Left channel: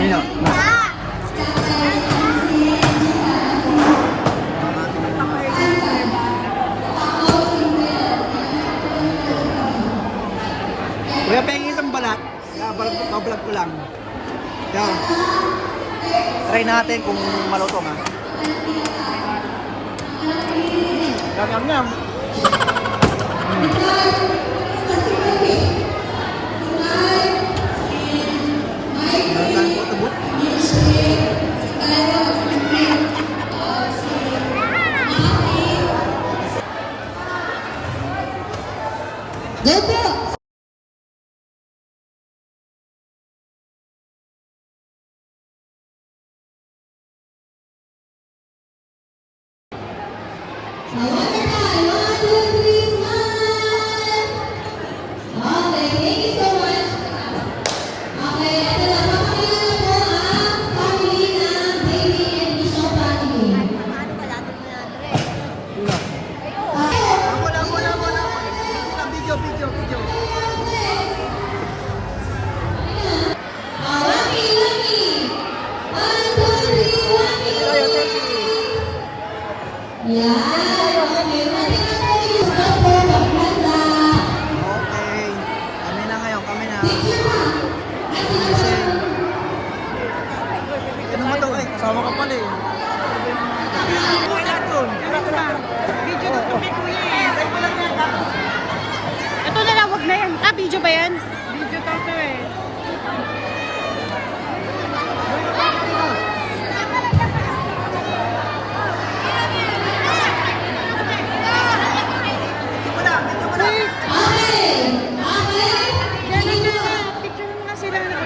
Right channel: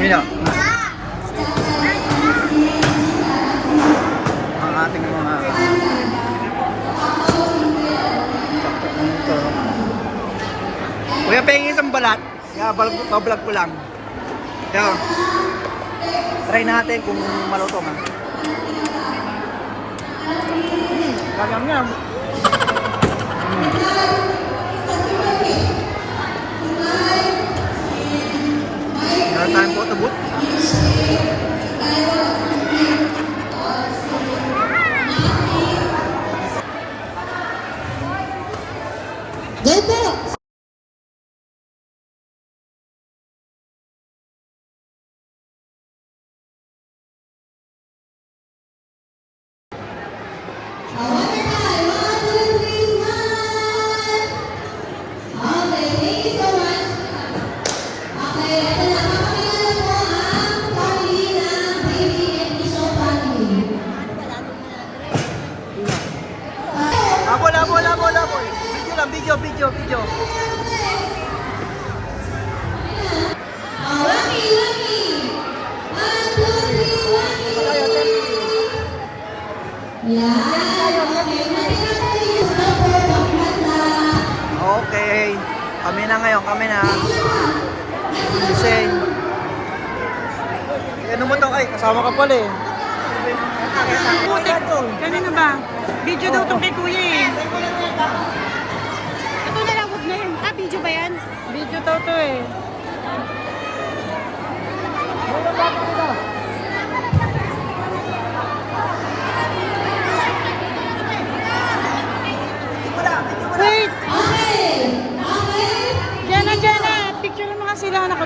Sino? Ang ating mga Kuya, pengi isang balat. Kaya bablog ko lang. Kaya, try natin kung malutong ha. Gagam-gam. Meron tayong photo booth. Go po! Video. Okay. Kami na ngayon, kami na. Gising. Ano mo to? Ay, kasama ka pala eh. Kanina ba? Video daw itong kay Kuya eh. Ito na lang, wag na yan. Ah, video ba yan? Video daw to eh. Picture mo kasi na ako.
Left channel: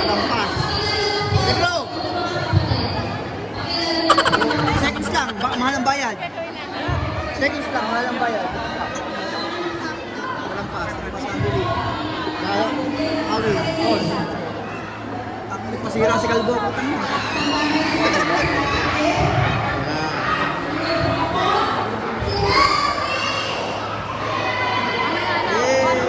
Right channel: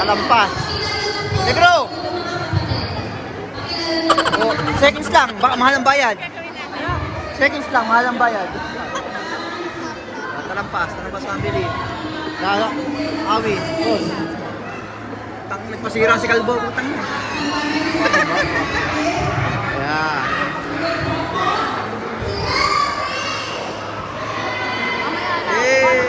Kalampas. Negro! Oh, seconds lang, mahal ang bayad. Seconds lang, mahal ang bayad. Kalampas ang bili. Awi, boss. Nagpasira si Kalbo, putang niya. Yeah.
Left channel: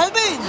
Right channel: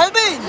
Calvin!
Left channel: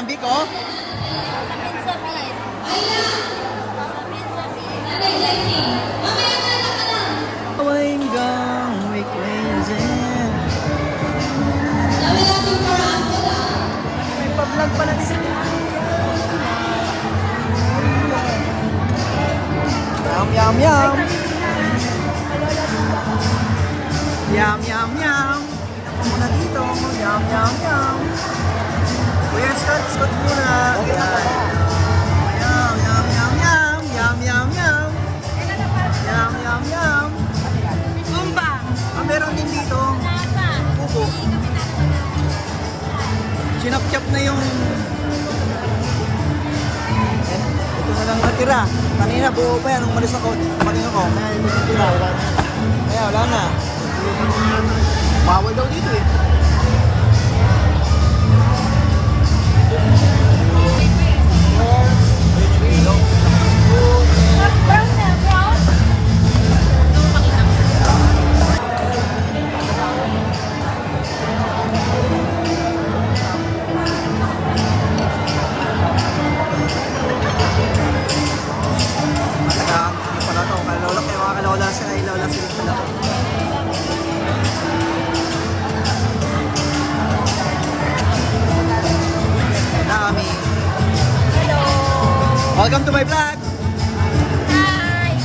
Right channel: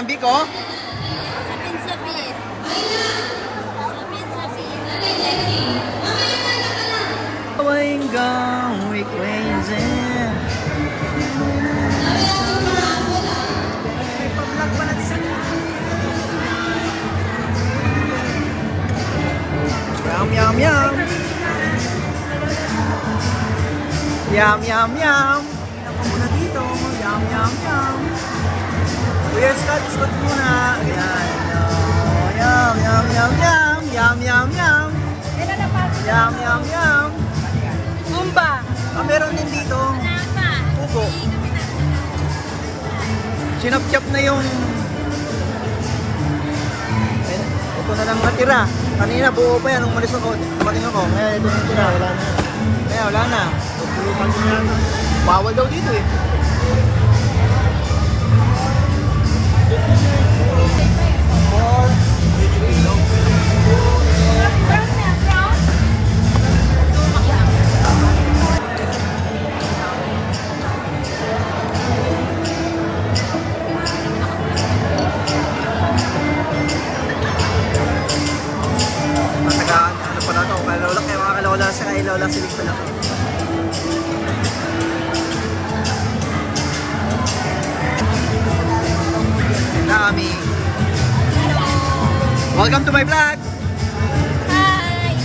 yan, Biko? Sapin-sapin. Going gone, we crazy. Yum, yum, yum. Yum, yum, yum. Inom ko muna dito. Yum, yum, yum. Kuya Scott, Scott muna. Ayan. Yum, yum, yum, yum. Yum, yum, yum. Yum, yum, yum. Umba. Ah, meron din dito. Napa. Pupo. Sinap-chap na yung... Ayan, ito na lang natira. Kanina buo pa yan nung umalis ako. Tumating ako. Ngayon ito yung tira. Kaya wala na. Bawal daw dito eh. Matagaan, ano pala to, kay Lola, kay mga kalola sa kay Lola Philip pala to. Ang dami. Hello. Welcome to my vlog! Hi.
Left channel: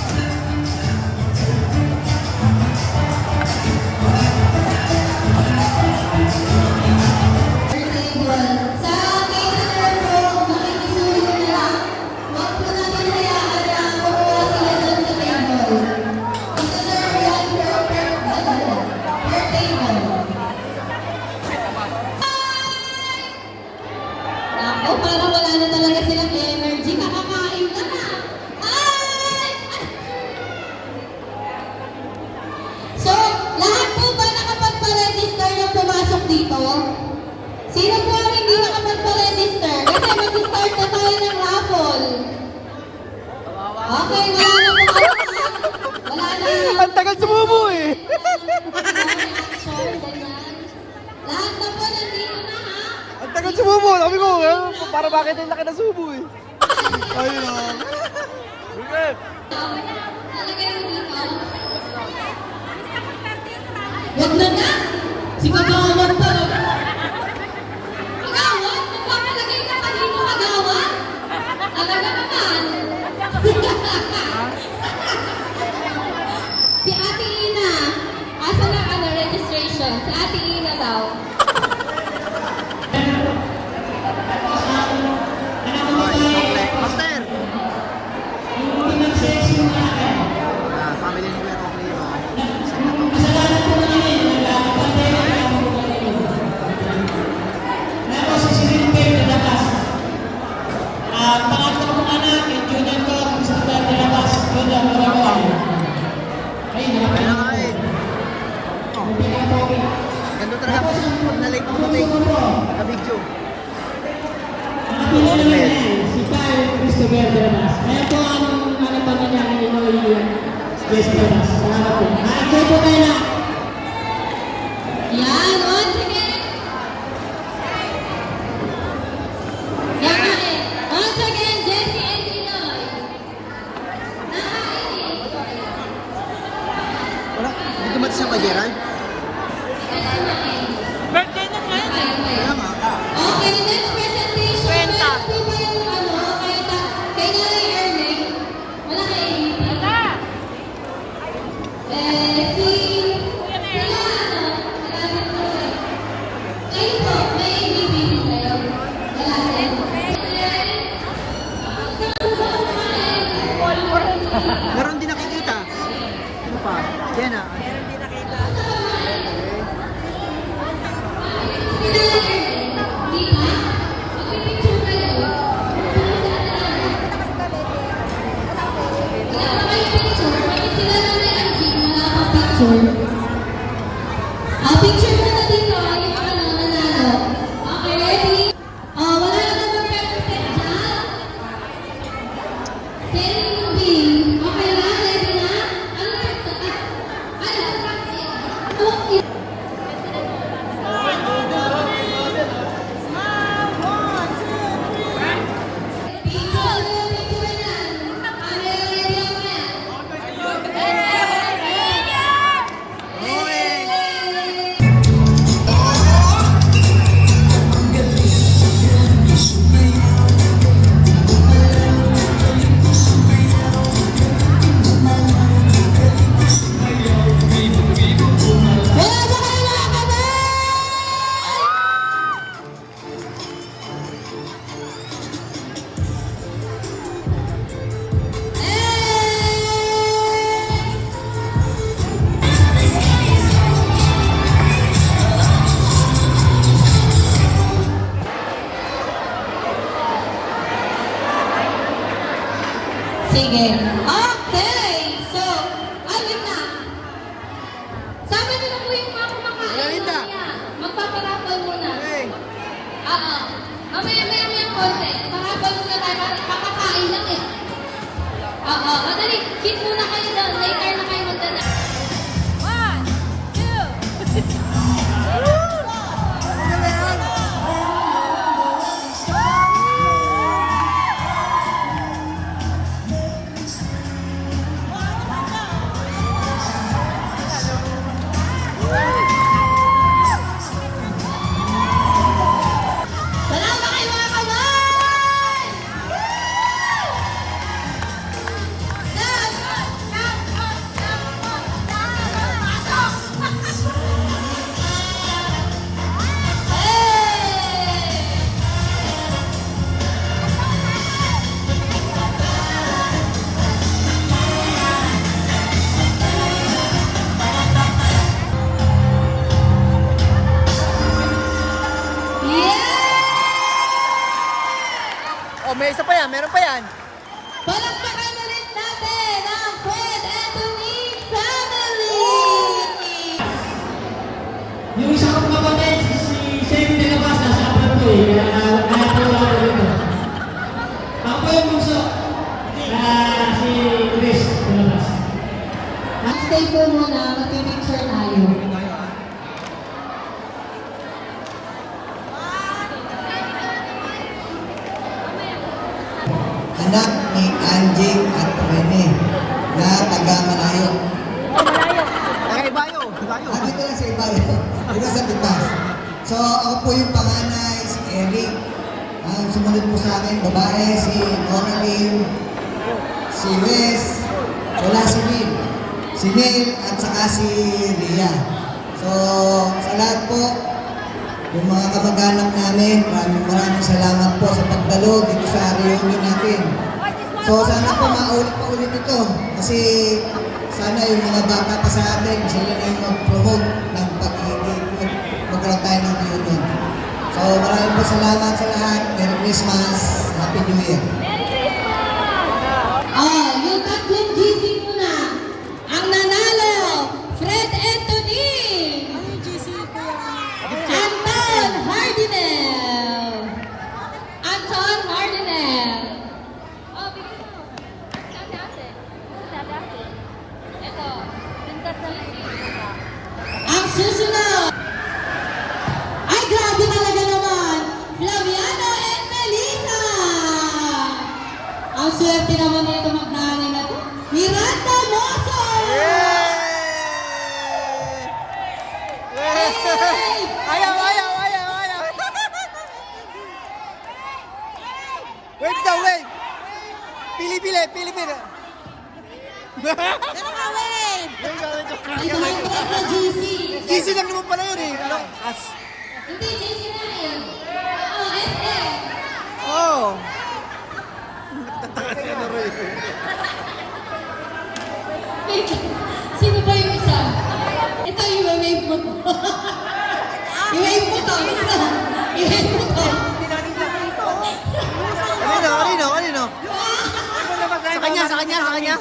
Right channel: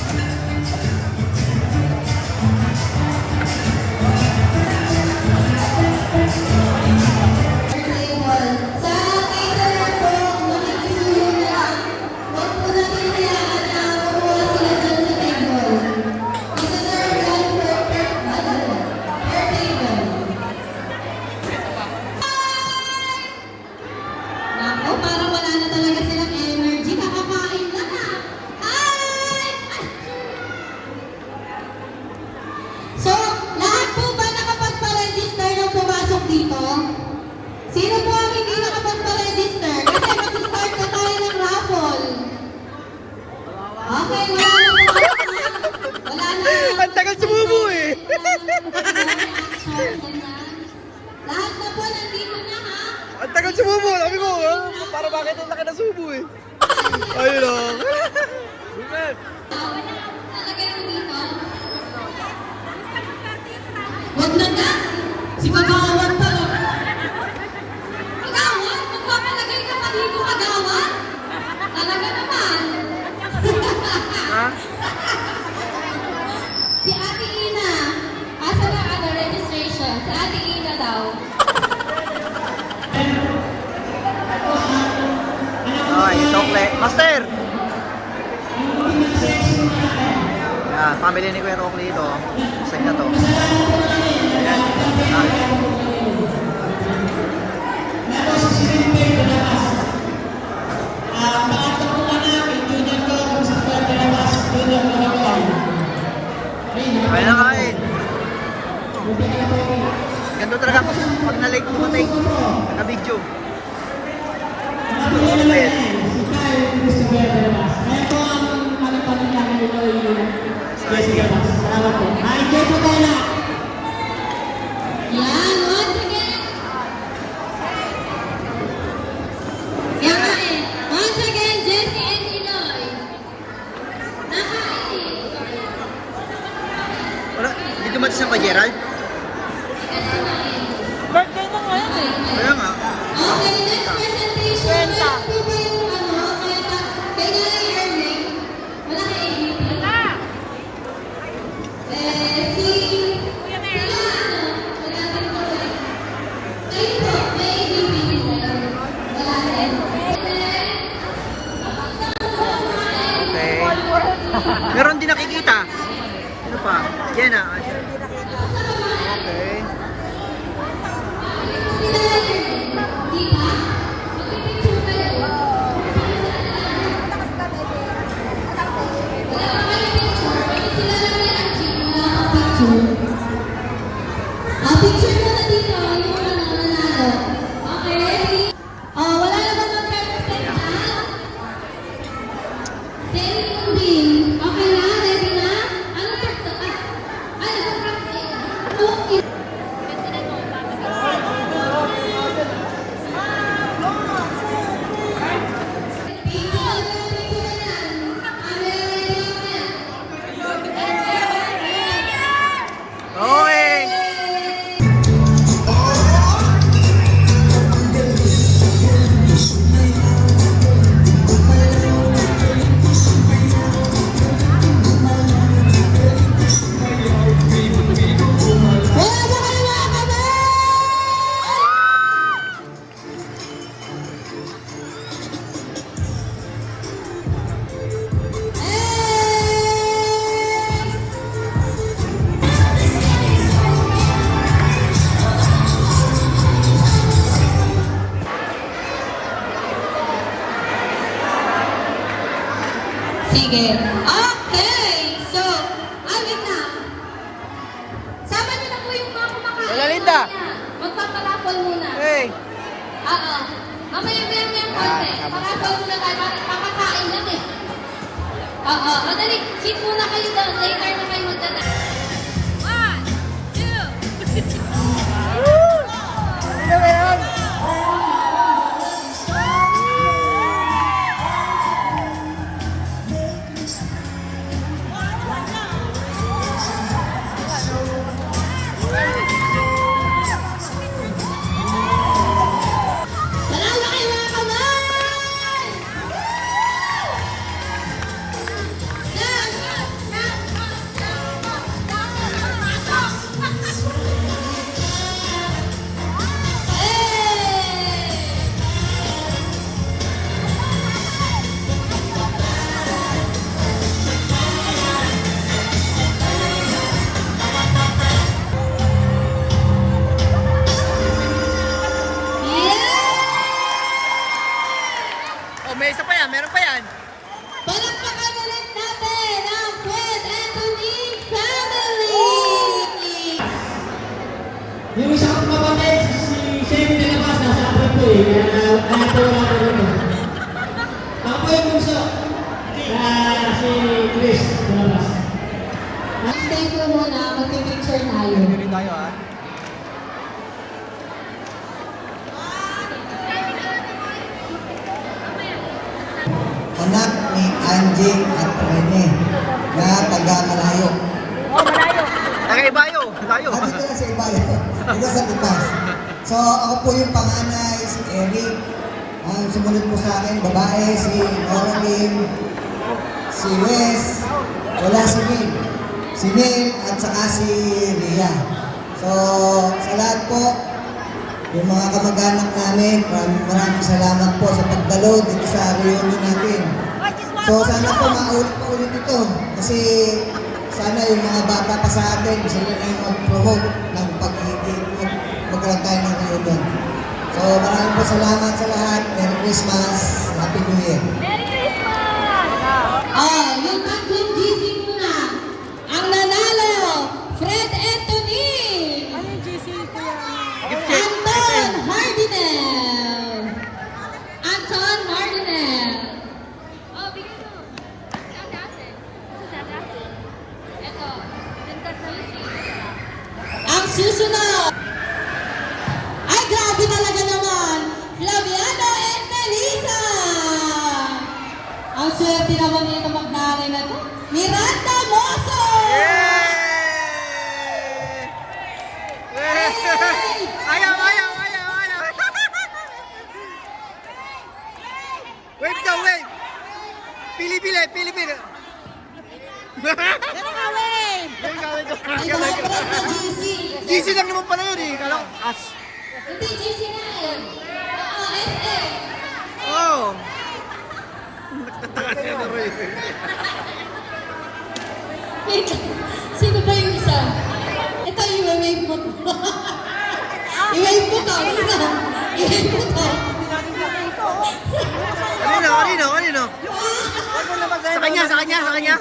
Naku, parang wala na talaga silang energy. Nakakain na na. Ay! So, lahat po ba nakapagpa-register yung pumasok dito? Sino po ang hindi nakapagpa-register? Kasi mag-start na tayo ng raffle. Okay, wala na po. Wala na. Ang tagal sumubo eh! Lahat na po nandito na ha. Ang tagal sumubo! Sabi ko, eh, para bakit yung laki na subo eh? Ayun o. Talagay mo dito. Wag na nga. Si Kagawad to. Kagawad? Magpapalagay ka pa dito, Kagawad? Talaga naman. Ha? Si Ate Ina. Asa na ang registration? Si Ate Ina daw. Ay, chocolate. Master! Yan, family ni Kuya Rock dito. Sa'yo na to. Yan. Ay na kain. Ganito talaga pag na-like dumating. Naka-video. Yan, once again. Yan na eh. Once again, Jessie and Inoy. Wala, hindi dumating siya kay Gerald. Birthday na ngayon eh. Kaya nga. Okay, next presentation. Kwenta. Kay Nanay Erling. Wala kay Amy. Sila ano? Kayo po, may bibili kayo. Wala rin. Okay. Meron din nakikita. Ano pa? Jenna. Meron din nakita. Okay. Di ba? Mag-picture kayo. Wala pa kayo picture. Kasi sila lang ni Angie. Wala pa picture. Picture mo na dito. Yung ano, nanalo. Okay, ready? Wala na ba mag-represent na? Selling wheel. Okay na? Ready na? Ano birthday? Ano birthday? Oh, Sige. Okay. So, ayun na. Sabi nila po yung mga kumakain. Wala, Linda. Magpapalapal muna. Hey! Mamaya konti. Makapal muna kayo. Makakain lang eh. Oo. Madali. Sit muna kayo doon. Later na kayo magdala. 2. Dalawa kayo mga kamay! Yan! Hey! Oh, may isa pa yan. Meron pa yan. Palakpakan ulit natin ang Fred Anthony family! Yung isa kong kapatid, si Sherry de la Paz, nasa abroad po eh, kaya nakapagawa ko dito. Ako po yung bunso, si Chris de la Paz. Stay po muna, magpipicture tayo. Pili tayo ah. Anak ni Anjing at Rene na taga Malayo. Nakaibayo. Layo. Dito lang sa Ibayo. Dito sa Tipas. So ako po yung panganay, si Eric. Ang sumunod po sa akin, babae, si Noraline, si Wes, wala si Will, si Neil, at saka si Ria. So sa lahat po, yung mga kamag-anak namin, maraming salamat po sa pagdalo dito sa reunion natin. So sana po maulit pa ulit ito kasi sana yung mga bata pa sa atin, sila na yung mag-promote ng magkaroon tayo ng reunion. So maraming po salamat sa lahat. Merry Christmas. Happy New Year. Yung tatlong GC muna. Ang nanalo, Fred Anthony! Gift check. Anton Hardinel! Anton Hardinel! Ang susunod! Ay, grabe talaga naman! Flaviano and Melissa! Ang swerte naman nito mag-nanay na to. Miranda Mozo! Yay! Ayaw, ayaw, ayaw, ayaw. Wait daw, wait. Pili, pili, pili, pili. Yung gawin ko. Ay, bakit na GC? GC lang naman pala yun eh. Kala ko, as. Hindi, GC na yun. Oo, SM. Oh. Nagtataka siya na Roy. Wait, sino ba yung isa? Ito yung i-wave mo to. I-wave mo to. I-wave mo to. Kanino, kanino, kanino? Sa kanya, sa kanya, sa kanya.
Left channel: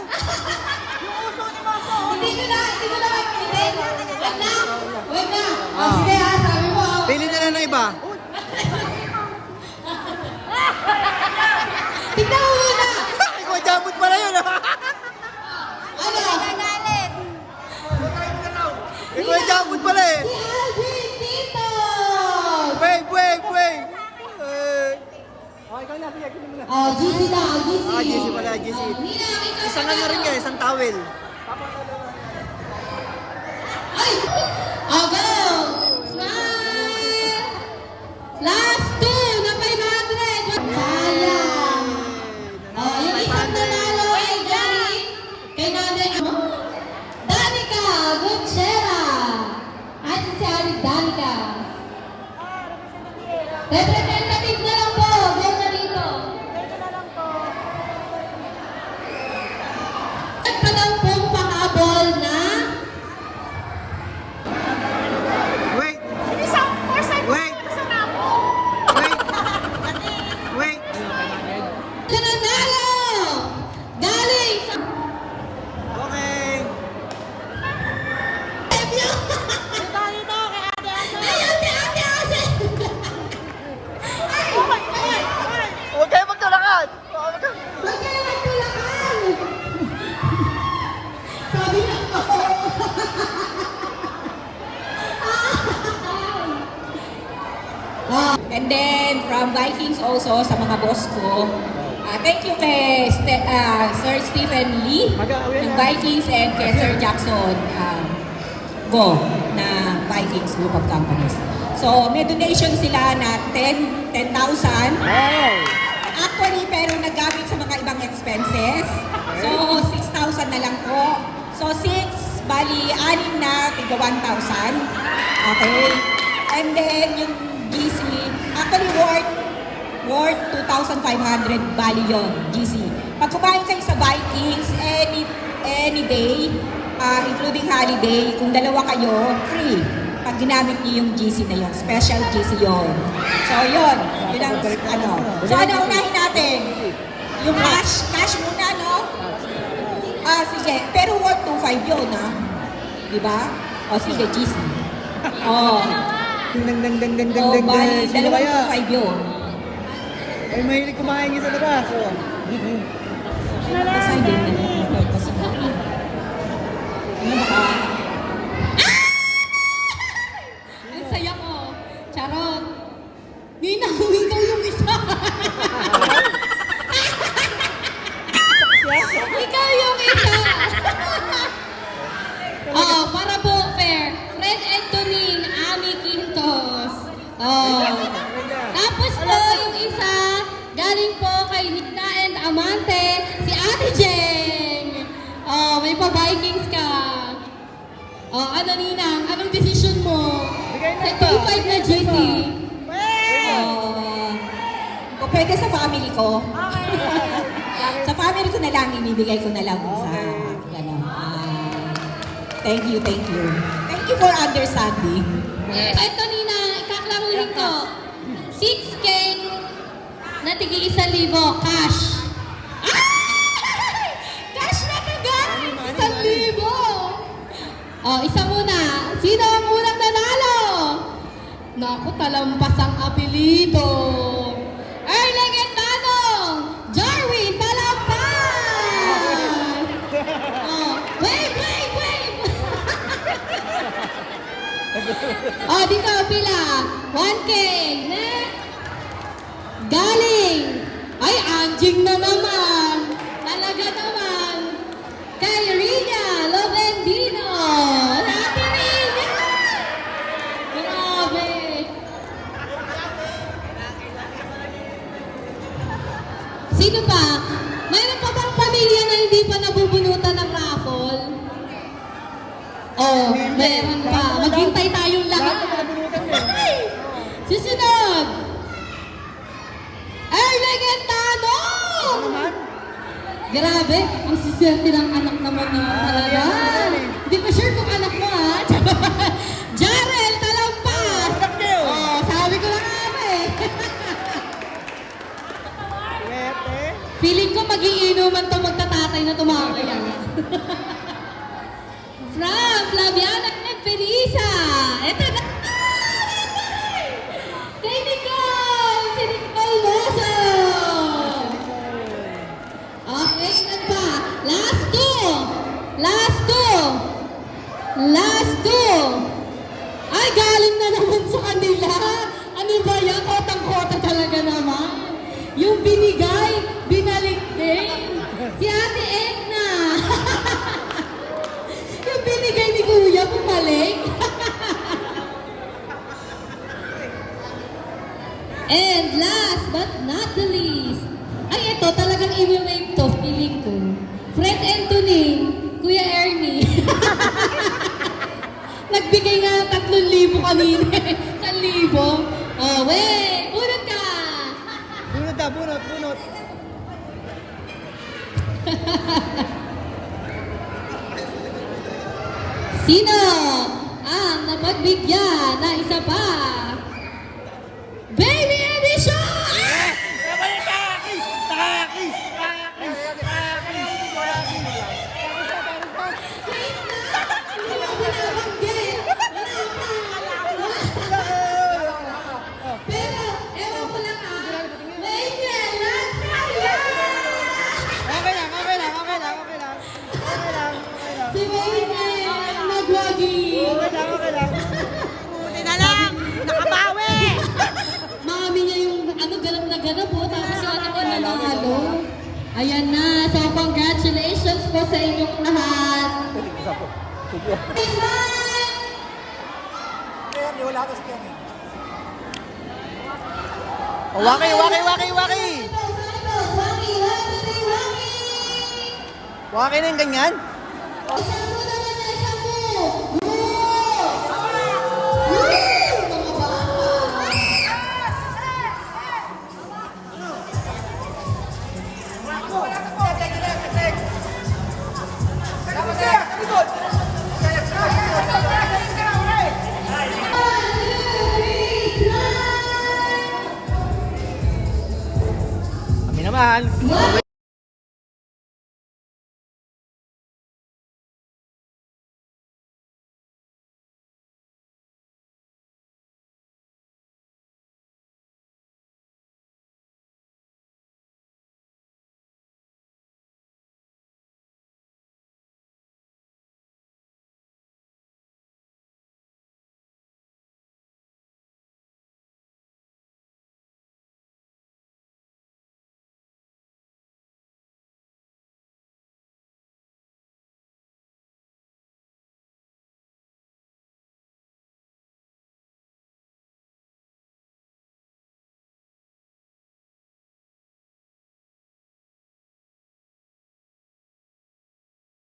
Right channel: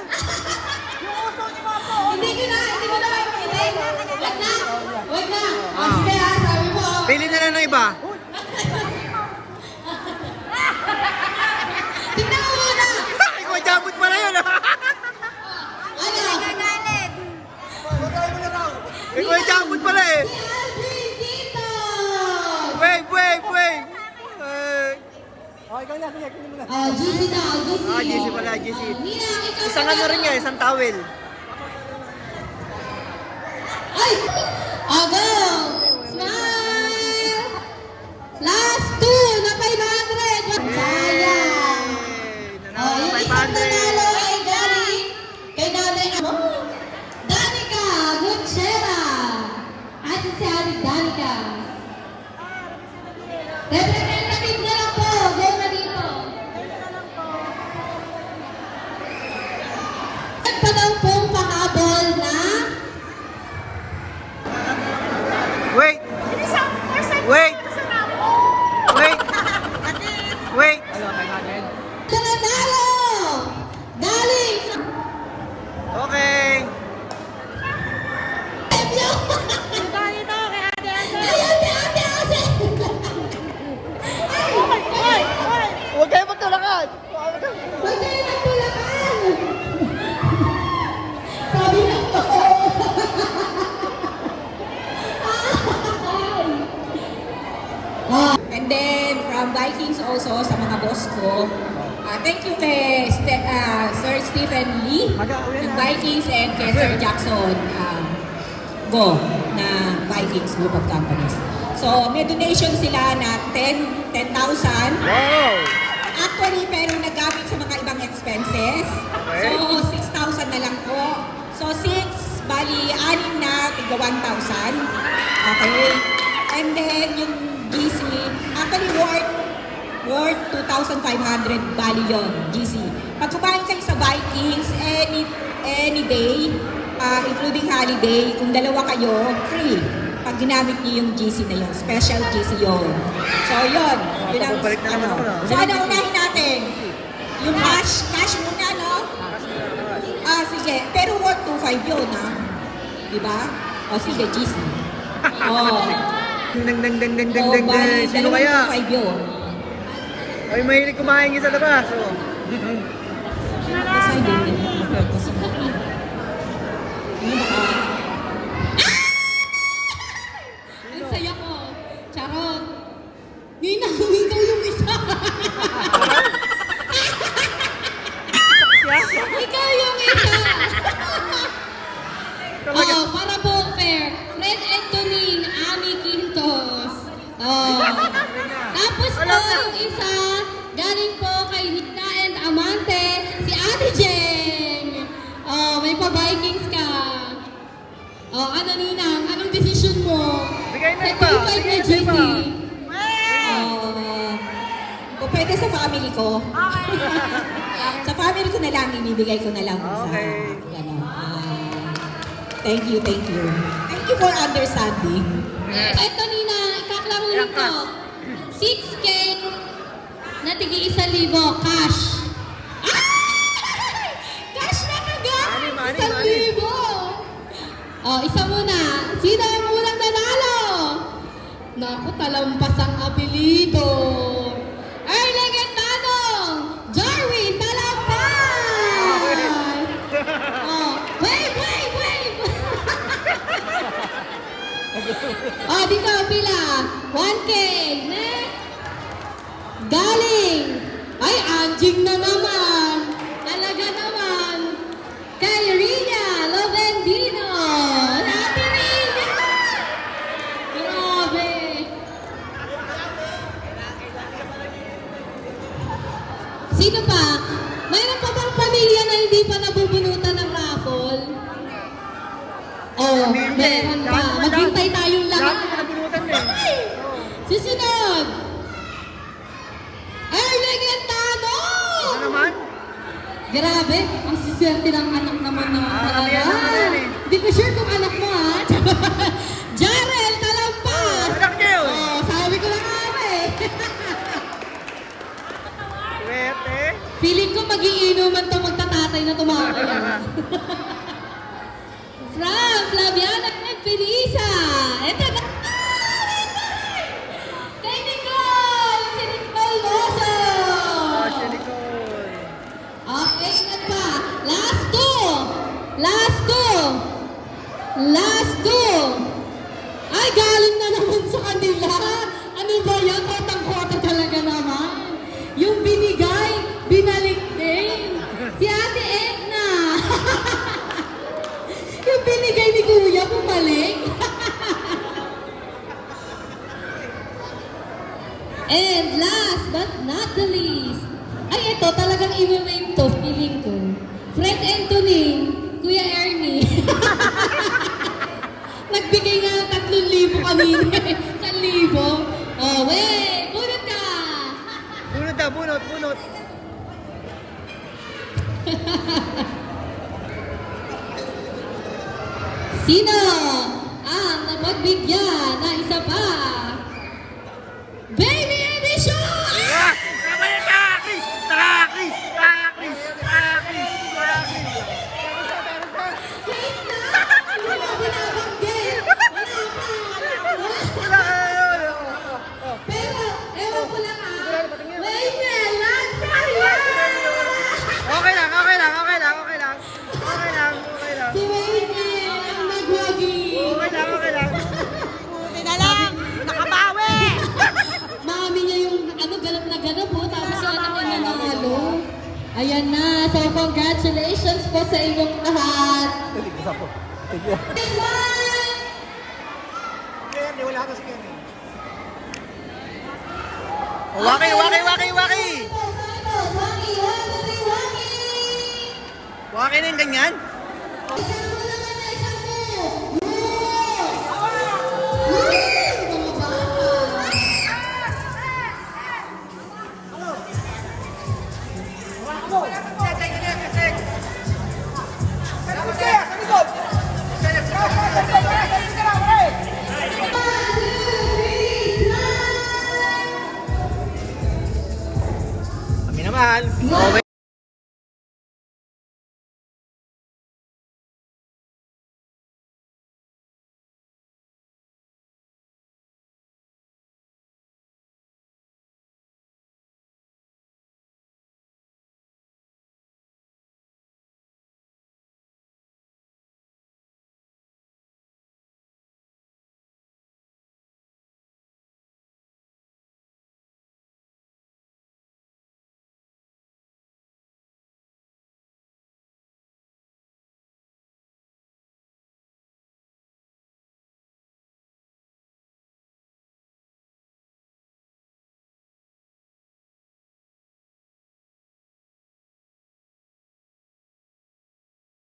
Hindi ko na mapakinig. Wag na. Wag na. O, Ah. sige ha, sabi mo. Pili na lang ng iba. Tignan mo muna. Ikaw, jabot pala yun ah. Ano? Ikaw, jabot pala eh. Si Alvin dito. Wave, wave, wave. Oh, GC daw, GC. Ah, GC pala, GC. Nina, ikaw Isang pa ano rin yan, isang towel. Ay! Go! Smile! Last 2 na 500! Sayang! Nanalo Yung ng isang 500. nanalo ay galing kay Nanay Danica Gutierra. At si Ate Danica. Representative na lang po. Go na dito. At pa daw pong pakabol na Wait! Wait! Sabi na ako. And then from Vikings also sa mga boss ko. Thank you kay Sir Stephen Lee ng Vikings and kay Sir Jackson Go na Vikings Group of Companies. So may donation sila na 10,000. Wow! Actually, pero nagamit sa mga ibang expenses. So 6,000 na lang po. So 6, bali 6 na, tiga 1,000. Okay. And then yung GC, actually worth 2,500 bali yon GC. Pag kumain kayo sa Vikings, any day, including holiday, kung dalawa kayo, free. Pag ginamit niyo yung GC na yon, special GC yon. So yun ang ano. So ano unahin natin? Yung cash muna, no? Sige, pero worth 2,500 yun, ha? Diba? Sige, GC. Ding ding ding ding ding Oh, ding bali, ding. Sino kaya? 2,500 yun. Ay, mahilig kumain sa labas. Pasay din na. Ano baka? Ang saya ko. Charot. Nina, ikaw yung isa. Ikaw yung isa. Para po fair. Fred Antonin, Ami Quintos. Tapos po yung isa, galing po kay Nikna and Amante, si Ate Jeng. May pa-Vikings ka. Ano Ninang, anong desisyon mo? Bigay na Sa ba? 2,500 na GC. O pwede sa family ko. Sa family ko na lang, ibibigay ko na lang sa Okay. gano'n. Thank you, thank you. Thank you for understanding. Ito Nina, ikaklaruhin ko. 6K na tigi 1,000 cash. Cash na kaga! Money. 1,000! Isa muna. Sino ang unang nanalo? Naku, talampas ang apelido. Erling at Tanong! Jarwin, talampas! Wait! Dito, pila. 1K. Next. Galing. Ay, anjing na naman. Talaga naman. Kay Rina Lovendino. Happy Rina! Grabe. Sino pa? Mayroon pa bang pamilya na hindi pa nabubunutan ng raffle? Meron pa. Maghintay tayong lahat. Lahat na nabunutan eh. Ay! Susunod! Erling Entano! Ano naman? Grabe, ang siswerte ng anak naman niya. Kaya naman yan eh. Hindi ko sure kung anak mo ha. Jarel Talampas! Anak niyo! Sabi ko na nga eh. Swerte. Feeling ko magiinuman to magtatatay na tumamaya. From Flaviana and Felisa. Ito na. Clinical! Clinical Moso! Siya Nicole. Okay, na pa. Last two. Ay, galing na naman sa kanila. Ano ba yan? Kotang-kota talaga naman. Yung binigay, binalik din. Si Ate Edna. Yung binigay ni Kuya, bumalik. And last but not the least, ay ito talagang i-wave to, feeling ko. Fred Antonin, Kuya Ernie. Nagbigay nga ng 3,000 kanina. 1,000. Wait, bunot ka. Bunot. Sino ang napagbigyan na isa pa? Baby Edition! Pero, ewan ko lang ha. Wait lang, Okay lang. Si Wayne, ang nagwagi. Okay lang. Buti na lang. Nakabawi. Mami niya yung ganap na ganap po, tapos yung anak niya nanalo. Ayan na. So, congratulations po sa inyong lahat. Kaya wala ka siya yan. Waki! Waki na yung ganyan?